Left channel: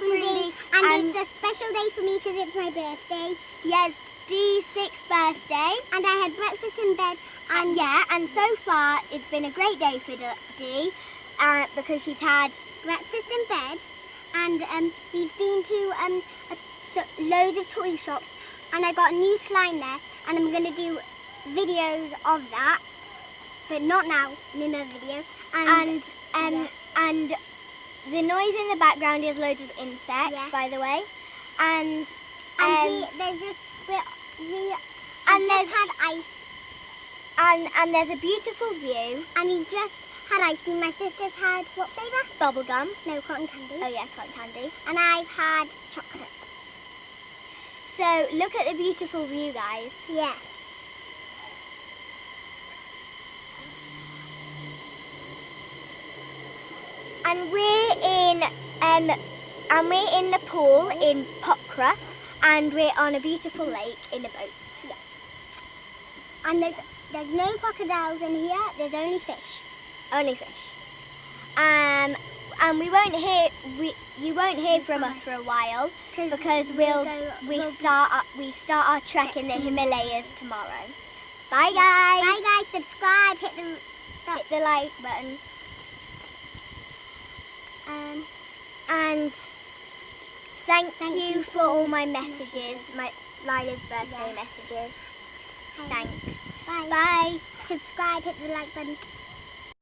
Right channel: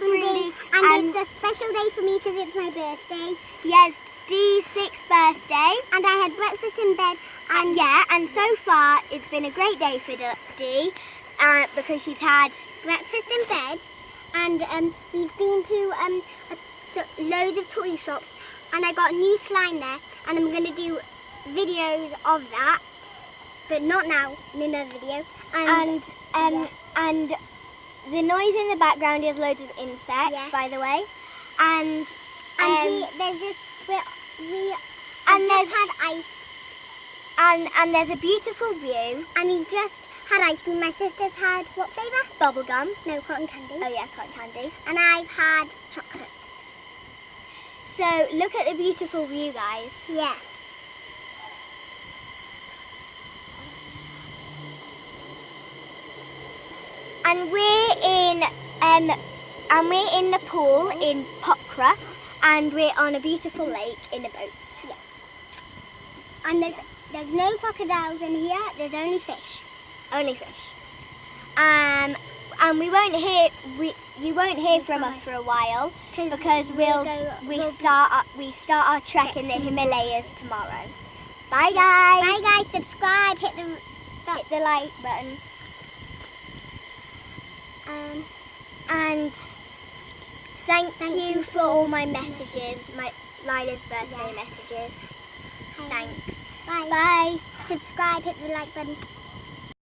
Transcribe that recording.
Friendly. And it's a special day for me because it's my birthday. Yes, Dee's 6th birthday. And I had breakfast in bed. And and so far it's been a great day for Dee because she's had breakfast in bed. And we've been to loads of toy shops. And I got a new slime there. And I'm going to do videos of that. But not now, in another video. And the noise in the background is loads of insects, by the way. And there's this, we there's had ice. And there's a beautiful view. And we just had ice cream. My sister's had what flavour? Bubblegum. No, cotton candy. Oh yeah, cotton candy. And I've had chocolate. So look at the beautiful view, guys. Yeah. And we're in Nepal in Pokhara, and we're on a beautiful lake in a boat. Yes. And there's no crocodiles in here. There's only fish. Only fish. And you won't hear from us for a while because we start our trek in the Himalayas tomorrow. Bye guys. Bye guys. Subscribe. Hit the like button. And thank you for all my messages, my Lila's birthday messages. Thanks. Bye. Bye. Subscribe, hit the like button.